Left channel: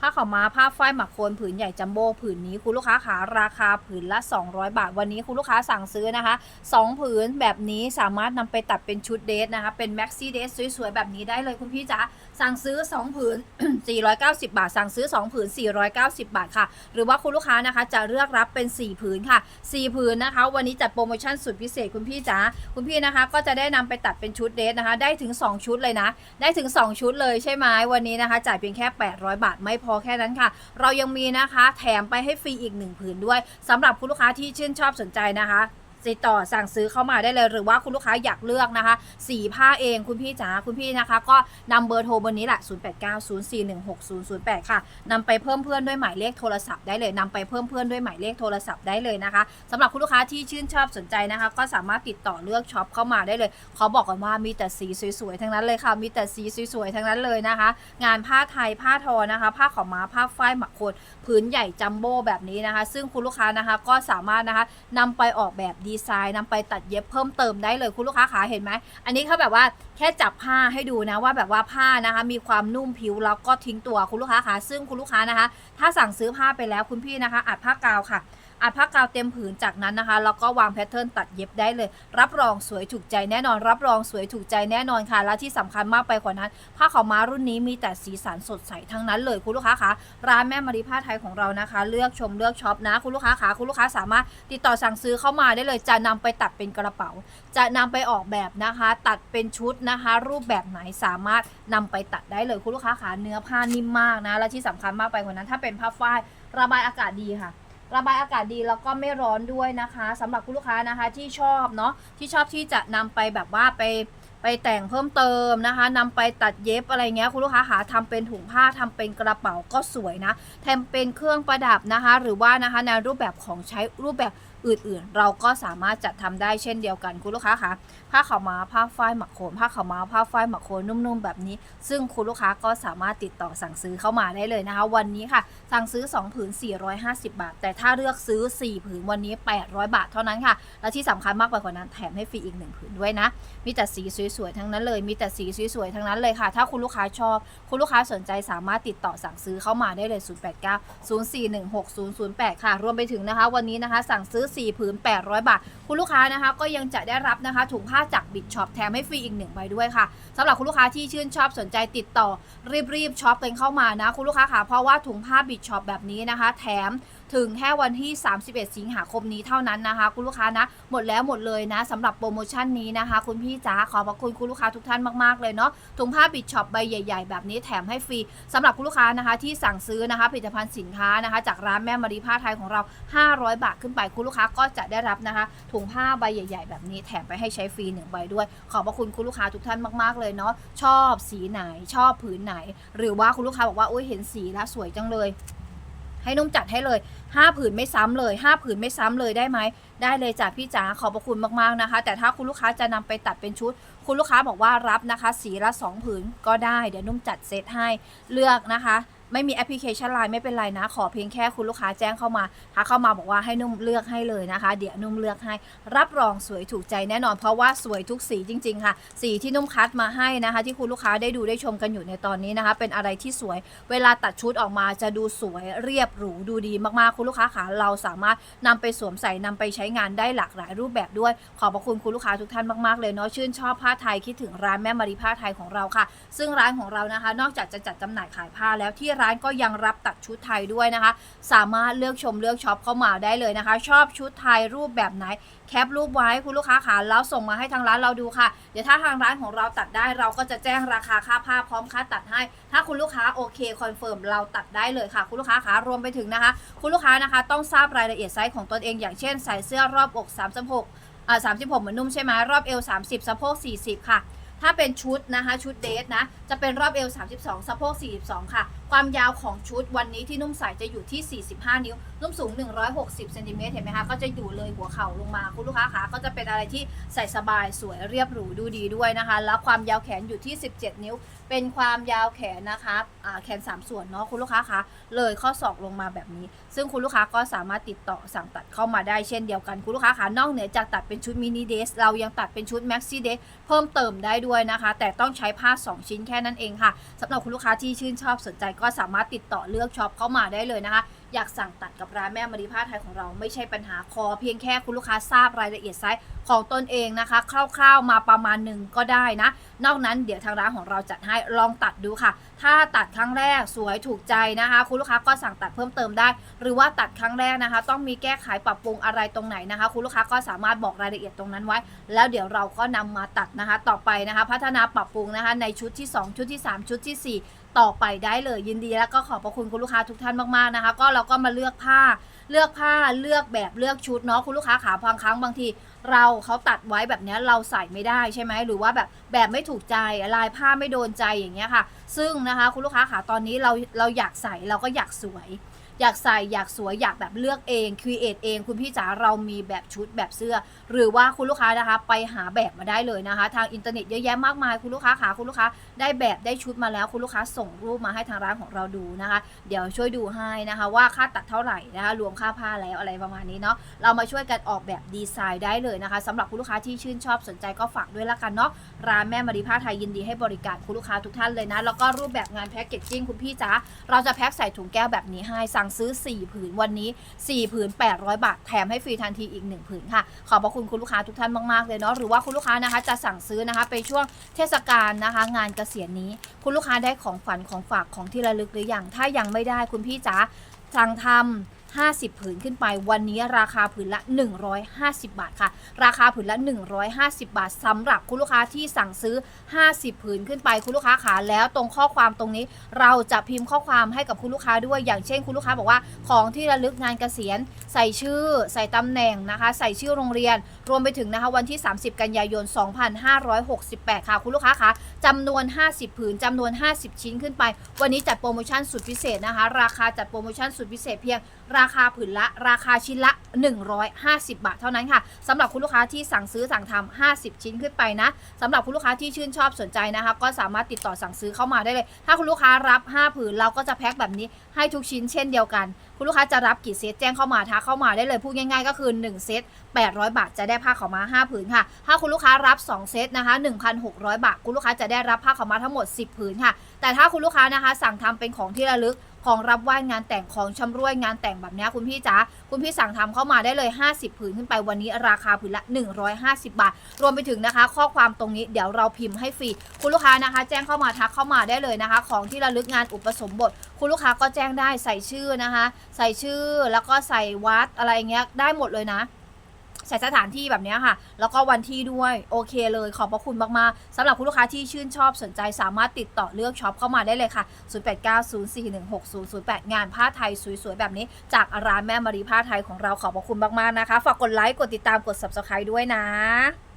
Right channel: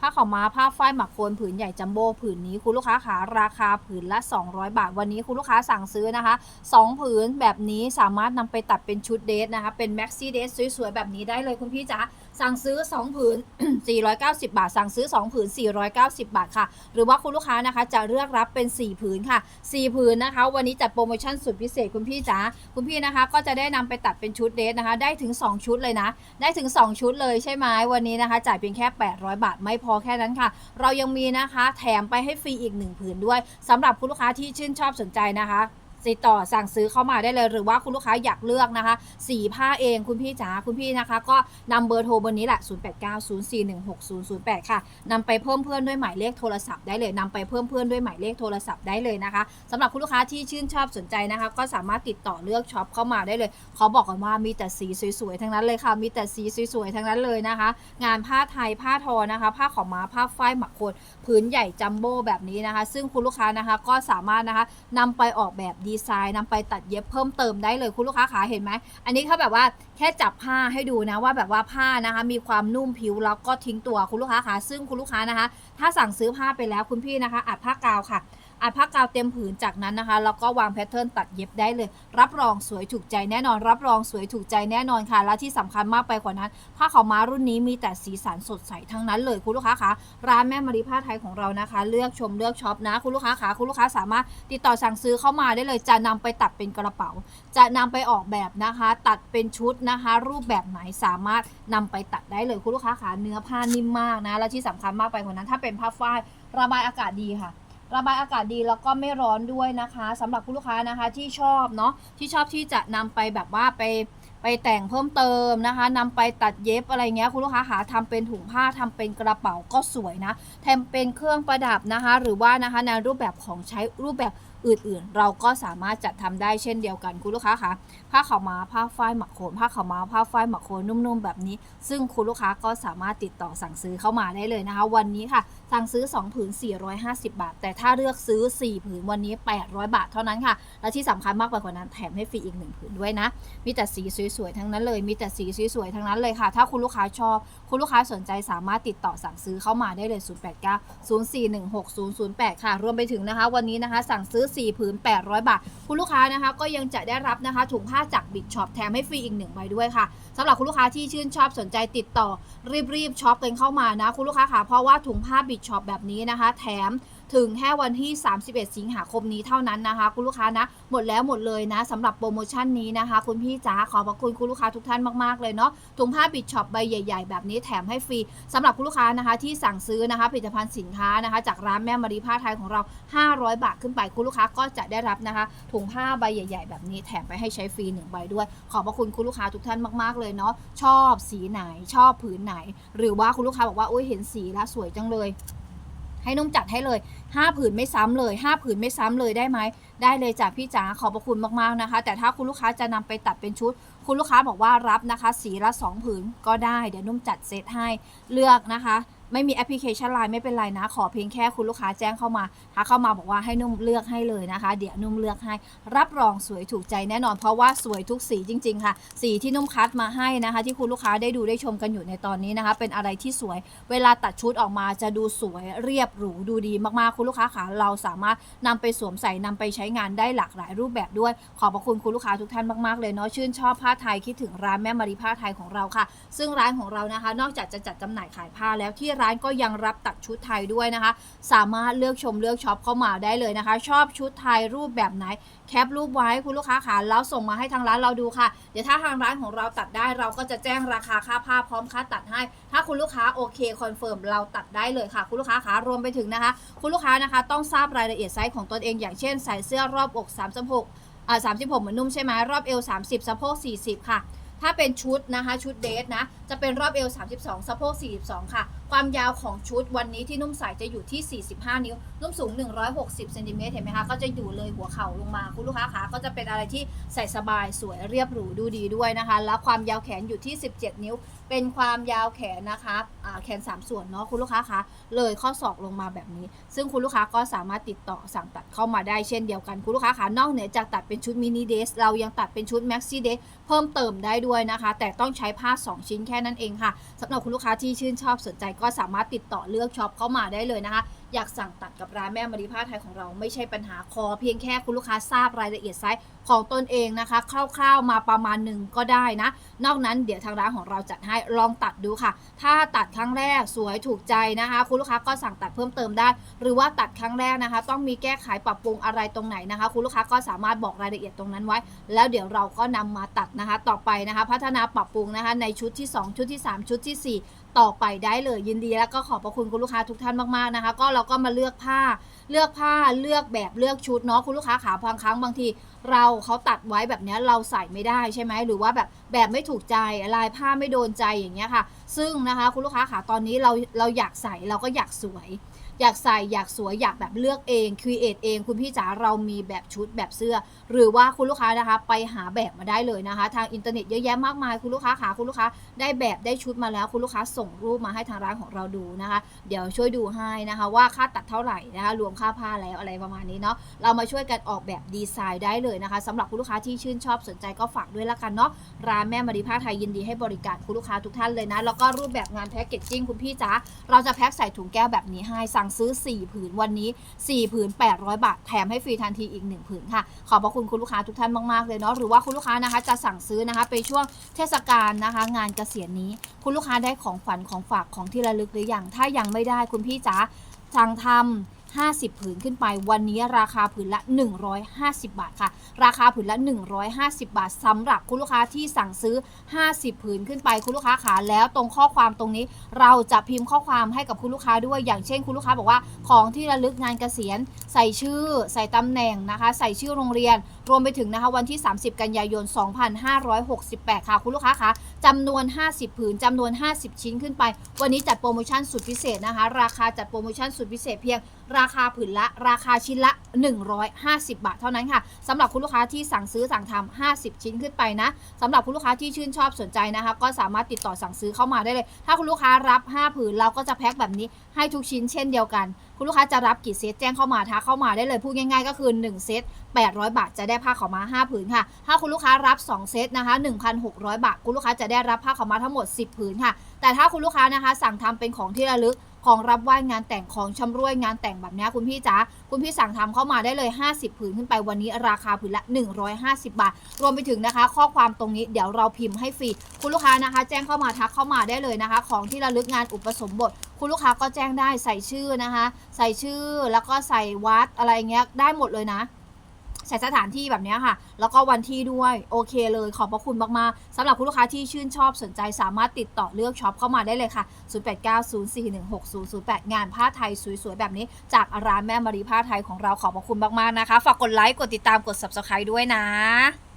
ผ้าขาวม้าผ้าฝ้ายหมักโคนผืนใหญ่จัมโบ้ผืนนี้คุณลูกค้าขาราคาผืนละ 200 บาท วันนี้คุณลูกค้าสั่งซื้อนะคะ 2 ผืนแบบนี้สามารถนำไปตัดเป็นชุดเดทนะคะ เป็นแม็กซี่เดทสวยๆแบบนี้ได้เลยคุณพี่จ๋า สั่งซื้อ 2 ผืน 490 บาท สั่งซื้อ 2 ผืน 490 บาทค่ะ หรือว่าคุณลูกค้านะคะจะเลือกรับเป็น 4 ผืนค่ะ 4 ผืนนะคะ วันนี้จัดโปรโมชั่นสุดพิเศษคุณพี่จ๋าคุณพี่นะคะ ก็จะได้นำไปตัดเป็นชุดเดทนะคะ ได้ถึง 2 ชุดเลยนะ ได้ถึง 2 ชุดเลยใช่ไหมวันนี้นะคะ จ่ายเพียงแค่ 800 บาทไม่พอแค่นั้นค่ะ เรายังมีนะคะ แถมไปให้ฟรีอีก 1 ผืนด้วยสำหรับคุณลูกค้าที่ชื่นชอบสนใจนะคะ ติดต่อสั่งซื้อเข้ามาได้เลย หรือว่าคุณลูกค้าอยากเลือกนะคะสีผ้าเองคุณพี่จ๋าคุณพี่นะคะ ก็นำเบอร์โทรเบอร์นี้แหละ 0890416008 ค่ะนำไปเพิ่มเพื่อนด้วยหมายเลขโทรศัพท์ได้เลยนำไปเพิ่มเพื่อนด้วยหมายเลขโทรศัพท์ได้เลยนะคะสำหรับคุณลูกค้าที่ชื่นชอบสนใจนะคะ ก็สามารถติดต่อเลือกช็อปเข้ามาได้เลยเขอบอกก่อนว่ามีแต่สีสวยๆทั้งนั้นเลยค่ะ มีแต่สีสวยๆทั้งนั้นเลยนะคะ งานผ้าไทยผ้าทอนะคะ ผ้าขาวม้าผ้าฝ้ายหมักโคนผืนใหญ่จัมโบ้แบบนี้นะคะ ซึ่งคุณลูกค้านะคะก็สามารถนะคะนำไปออกแบบดีไซน์นำไปตัดเย็บเพิ่มเติมได้เลยคุณลูกค้าขาเห็นไหม อันนี้เขาแบบว่าแค่จับผ้าให้ดูนะว่าแบบว่าผ้านะคะ มีความนุ่มผิวแล้วก็ทิ้งตัวคุณลูกค้าขาซึ่งคุณลูกค้านะคะ ถ้าสั่งซื้อผ้าไปแล้วคุณพี่นะคะอัดผ้ากาวค่ะ อัดผ้ากาวเต็มผืนจากนั้นนะคะแล้วก็วางแพทเทิร์นตัดเย็บได้เลย รับรองสวยถูกใจแน่นอน รับรองสวยถูกใจแน่นอนค่ะ และที่สำคัญมากไปกว่านั้น ผ้าขาวม้ารุ่นนี้มีแต่สีสันสดใสทั้งนั้นเลยคุณลูกค้าคะร้านแม่มารีผ้าไทยของเรานะคะ เลือกชมเลือกช็อปนะคุณลูกค้าคะคุณลูกค้าสามารถติดต่อสั่งซื้อเข้ามาได้เลย จะนำไปตัดเป็นกระเป๋า จะนำไปออกแบบนะคะ ตัดเป็นชุดนะคะ รูปแบบไหนสามารถนำไปตัดได้เลยคุณลูกค้าคะเนื้อผ้านิ่มมากนะและที่สำคัญมากไปกว่านั้น ถ้าเป็นผ้าฝ้ายระบายอากาศดีค่ะ ระบายอากาศดีแล้วก็ไม่ร้อนด้วยนะคะสำหรับคุณลูกค้านะคะที่ชอบเนาะที่ชอบที่จะนำไปแบบว่าไปไปแต่งเพิ่มเติมนะคะนำไปตัดเย็บอะไรเงี้ยคุณลูกค้าหาทำเป็นถุงผ้าทำเป็นกระเป๋าก็สวยนะทำเป็นเครื่องประดับนะคะ หรือว่านะคะในรูปแบบของใช้รูปแบบอื่นๆ เราก็สามารถจัดทำได้เช่นเดียวกันคุณลูกค้าคะ ผ้าขาวม้าผ้าฝ้ายหมักโคนผ้าขาวม้าผ้าฝ้ายหมักโคนนุ่มๆแบบนี้ ซึ่งคุณลูกค้าก็สามารถติดต่อสั่งซื้อเข้ามาได้เลยนะคะ วันนี้ค่ะสั่งซื้อ 2 ผืน 450 บาท แต่ถ้าเลือกซื้อ 4 ผืนวันนี้ 800 บาทเท่านั้นค่ะ และที่สำคัญมากไปกว่านั้นแถมให้ฟรีอีก 1 ผืนด้วยนะ มีแต่สีสวยๆทั้งนั้นเลย มีแต่สีสวยๆทั้งนั้นเลยค่ะ ถ้าคุณลูกค้าชอบ คุณลูกค้าสนใจสามารถติดต่อสั่งซื้อเข้ามาได้เลย 089 041 6008 ค่ะ รวมไปถึงนะคะ วันนี้นะคะ สั่งซื้อ 4 ผืน 800 บาท คุณลูกค้านะคะก็ยังจะได้รับนะคะถุงผ้าจากบิ๊กช็อปแถมให้ฟรีอีกหนึ่งใบด้วยค่ะสำหรับคุณลูกค้าที่ชื่นชอบสนใจติดต่อรีบๆช็อปกันเข้ามานะ คุณลูกค้าค่ะเพราะว่าถุงผ้าบิ๊กช็อปแบบนี้นะคะ แถม ถึงแค่วันที่ 31 สิงหาคมนี้เท่านั้นนะคะ คุณลูกค้านะ หมดแล้วหมดเลยนะสำหรับโปรโมชั่นนี้นะคะ คุณพี่จ๋าขอบพระคุณคุณลูกค้าทุกท่านมากๆเลยเนาะถุงผ้าบิ g ช็อปใบใหญ่ ๆ แบบนี้แถมให้ฟรีสำหรับคุณลูกค้านะคะ ที่สั่งซื้อนะคะผลิตภัณฑ์สินค้านะคะ จากร้านแม่มารีผ้าไทยของเรา 500 บาทขึ้นไปคุณลูกค้าก็จะได้รับนะคะ ถุงผ้าใบใหญ่ ๆ แบบนี้แถมไปให้ใช้ฟรีหนึ่งใบด้วย ขอบพระคุณคุณลูกค้าทุกท่านมากๆเลยเนาะชอบสีไหนชอบผืนไหน หรือว่าคุณลูกค้าบอกว่าโอ้ยเห็นสีแล้วสวยจังเลย ให้นุ่มจัดให้เลย 5 ผืนไม่ซ้ำเลย 5 ผืนไม่ซ้ำเลยได้ไหม ได้เลยจ้ะพี่จ๋าขอบพระคุณมากๆนะคะ แต่ถ้าคุณลูกค้าจะนำไปตัดเป็นชุด คุณลูกค้าบอกว่ารับนะคะ สีละ 2 ผืนก็ได้ เดี๋ยวนุ่มจัดเซตให้เลือกนะคะ ไม่มีแอปพลิเคชันไลน์ไม่เป็นไรนะ ขอเพียงแค่คุณลูกค้าแจ้งเข้ามาถ้าเข้ามาบอกว่าให้นุ่มเลือกให้เลยนะคะ เดี๋ยวนุ่มเลือกให้ รับรองสวยถูกใจแน่นอนเพราะว่าสวยทุกสีจริง ๆ ค่ะ สีที่นุ่มคัดมาให้นะคะ ที่คุณลูกค้าได้ดูได้ชมกันอยู่ในตอนนี้นะคะ เป็นอะไรที่สวย เวลาตัดชุดออกมาจะดูสวยเรียบหรูดูดีมากๆคุณลูกค้าค่ะเราสามารถนำไปสวมใส่นำไปใช้งานได้หลากหลายรูปแบบด้วย ขอบพระคุณคุณลูกค้าทุกท่านมากๆเลยเนาะชื่นชอบผ้าไทยคิดถึงร้านแม่มารีผ้าไทยของเราค่ะ ซึ่งร้านของเรานะคะ นอกจากจะจัดจำหน่ายขายผ้าแล้วที่ร้านก็ยังรับตัดชุดไทยด้วยนะคะ สามารถเลือกชมเลือกช็อปเข้ามาได้เลยนะคะ ชอบชุดไทยรูปแบบไหนแคปรูปไว้คุณลูกค้าค่ะแล้วส่งมาให้ทางร้านเราดูค่ะ เดี๋ยวถ้าทางร้านของเราตัดได้เราก็จะแจ้งราคาค่าผ้าพร้อมค่าตัดให้ ถ้าคุณลูกค้าโอเคคอนเฟิร์มเราตัดได้เลยค่ะ คุณลูกค้าค่ะรวมไปถึงนะคะ คุณลูกค้านะคะต้องทราบรายละเอียดไซส์ของตนเองอย่างเช่นใส่เสื้อรอบอก36อ่า36 เหมือนนุ่มใช่ไหมรอบเอว 30 สะโพก 40 ค่ะ ถ้าเป็นชุดนะคะชุดเดทนะจะเป็นรอบเอว 32 สะโพก 42 ค่ะ ความยาวของชุดวันนี้ที่นุ่มใส่จะอยู่ที่ 45 นิ้ว นุ่มสูง 160เซนติเมตรเห็นไหมคะก็จะอยู่เลยหัวเข่าลงมาคุณลูกค้าคะก็จะเป็นอะไรที่ใส่สบายสวยเรียบหรูดูดีด้วยนะคะ แล้วความยาวแขนอยู่ที่ 17 นิ้ว เป็นความยาวแขนนะคะแขน 3 ส่วนเนาะคุณลูกค้าคะเลยข้อศอกลงมาแบบนี้ ซึ่งคุณลูกค้าก็สามารถติดต่อสั่งตัดเข้ามาได้เช่นเดียวกันคุณลูกค้าคะนอกเหนือจากตัดเป็นชุดมินิเดสเรายังตัดเป็นชุดแม็กซี่เดสเพิ่มเติมได้ด้วยนะคะ แต่ต้องใช้ผ้า 2 ชิ้นแค่นั้นเองค่ะสำหรับคุณลูกค้าที่ชื่นชอบสนใจก็สามารถติดต่อเลือกช็อปเข้ามาได้เลยนะคะ อยากสั่งตัดกับร้านแม่มาริผ้าไทยของเราไม่ใช่ปัญหาคอ เพียงแค่คุณลูกค้าทราบรายละเอียดไซส์ของตนเองนะคะ คร่าวๆมาประมาณหนึ่งก็ได้นะ นอกนั้นเดี๋ยวทางร้านของเราจัดให้ลองตัดดูค่ะ ถ้าตัดครั้งแรกสวยถูกใจนะคะ คุณลูกค้าก็สั่งตัดเพิ่มเติมได้ หรือว่าตัดครั้งแรกนะคะ ต้องมีแก้ไขปรับปรุงอะไรตรงไหนนะคะ คุณลูกค้าก็สามารถบอกรายละเอียดตรงนั้นไว้ แล้วเดี๋ยวเราก็นำมาตัดนะคะ ต่อไปนะคะ พัฒนาปรับปรุงนะคะ ในชุดที่ 2 ชุดที่ 3 ชุดทีสี่4 ต่อไปได้เลยยินดีแล้วก็ขอบพระคุณคุณลูกค้าทุกท่านมากๆนะคะ ก็เราก็มาเลือกผ้าเลือกผ้าเลือกแบบเลือกชุดเนาะคุณลูกค้าขาบางครั้งบางที เราเขาตัดไว้แบบนี้เราใส่ไม่ได้ใช่ไหมหรือว่าแบบแบบไม่ถูกใจลายผ้าไม่โดนใจอย่างเงี้ยค่ะ ซึ่งนะคะคุณลูกค้าขาตอนนี้เราเราอยากใส่เราก็อยากสวย อยากใส่อยากสวยอยากแบบเลือกเองครีเอทเองคุณพี่จ๋าเรามีแบบชุดแบบเสื้อ หรือว่าคุณลูกค้านะคะ ไปหาแบบมาได้เลยนะคะ ทางอินเทอร์เน็ตเยอะแยะมากมายคุณลูกค้าขาคุณลูกค้าได้แบบได้ชุดมาแล้วคุณลูกค้าส่งรูปมาให้ทางร้านของเราดูนะคะ เดี๋ยวช่วยดูให้นะคะ ว่าค่าตัดเท่าไหร่นะคะ รวมค่าผ้าแล้วอะไรประมาณนี้เนาะเรามาช่วยกันออกแบบดีไซน์ได้เลยนะคะสำหรับคุณลูกค้าที่ชื่นชอบสนใจก็ฝากด้วยละกันเนาะร้านแม่มารีผ้าไทยยินดีให้บริการคุณลูกค้าทุกท่านเลยนะแล้วก็รูปแบบงานแพ็กเกจจิ้งคุณพี่จ๋าเราจะแพ็คใส่ถุงแก้วแบบนี้ให้สั่งซื้อ 4 ผืนวันนี้ 4 ผืน 800 บาท แถมให้ฟรีทันทีอีก 1 ผืนค่ะ ขอบพระคุณคุณลูกค้าทุกท่านมากๆเลยเนาะหรือว่าคุณลูกค้านะคะจะสั่งซื้อนะคะไปช่วงเทศกาลนะคะ งานเกษียณนี้ คุณลูกค้าได้ของฝันของฝากของที่ระลึกหรือยังถ้ายังไม่ได้คุณพี่จ๋าสั่งทำ 50 ผืนขึ้นไป วันนี้ราคาผืนละ 150 บาทค่ะ ราคาผืนละ 150 บาทสำหรับคุณลูกค้าที่สั่งซื้อ 50 ผืนขึ้นไปคุณลูกค้าขาแล้วตรงข้อความตรงนี้ เราจะพิมพ์ข้อความให้กับคุณลูกค้าด้วยอย่างเช่น คุณลูกค้าบอกว่าของที่ระลึกงานเกษียณ ใส่ชื่อ ใส่ตำแหน่งนะคะ ใส่ชื่อโรงเรียน รวมไปถึงนะคะวันที่ 30 กันยายน 2568 ค่ะ คุณลูกค้าคะจำนวน 50 ผืนจำนวน 50 ชิ้นขึ้นไป วันนี้จัดโปรโมชั่นสุดพิเศษนะคะ ราคาจัดโปรโมชั่นสุดพิเศษเพียงราคาผืนละ ราคาชิ้นละ 150 บาทเท่านั้นค่ะสำหรับคุณลูกค้าที่สั่งซื้อสั่งทำ50 ชิ้นขึ้นไปนะสำหรับคุณลูกค้าที่ชื่นชอบสนใจนะคะ ก็สามารถติดต่อสั่งซื้อเข้ามาได้เลย ถ้าคุณลูกค้ารับ 5 ผืนเราก็จะแพ็คแบบนี้ให้ทุกชิ้นเช่นเดียวกัน คุณลูกค้าจะรับกี่เซตแจ้งเข้ามาทักเข้ามาได้เลยพูดง่ายๆ ก็คือ 1 เซต800 บาทจะได้ผ้าขาวม้า5ผืนค่ะ ถ้าคุณลูกค้ารับ 2 เซตนะคะ 1,600 บาท คุณลูกค้าจะได้รับผ้าขาวม้าทั้งหมด 10 ผืนค่ะ แต่ถ้าคุณลูกค้านะคะ สั่งทำเป็นของที่ระลึก ของรับไหว้งานแต่งของชำรวยงานแต่งแบบนี้คุณพี่จ๋าคุณพี่สั่งทำเข้ามาได้เลย 50 ผืนขึ้นไปวันนี้ราคาผืนละ 150 บาท รวมไปถึงนะคะ ข้อความตรงนี้เดี๋ยวเราพิมพ์ให้ฟรีคุณลูกค้านะคะ แจ้งเข้ามาทักเข้ามาได้เลยนะคะ ของที่ระลึกงานอุปสมบท คุณลูกค้าก็แจ้งได้ใส่ชื่อนะคะ ใส่ชื่อแล้วก็ใส่วัดอะไรเงี้ยได้หมดเลยนะ ใช้สถานที่แบบนี้ค่ะ แล้วก็วันที่ด้วยโอเคเลยขอบพระคุณมากๆสำหรับคุณลูกค้าที่ชื่นชอบสนใจสามารถติดต่อเลือกช็อปเข้ามาได้เลยค่ะ 0890416008 งานผ้าไทยสวยๆ แบบนี้ จากร้านแม่มารีผ้าไทยของเราขอบพระคุณมากๆนะคะ ฝากกดไลค์กดติดตามกด subscribe ด้วยนะ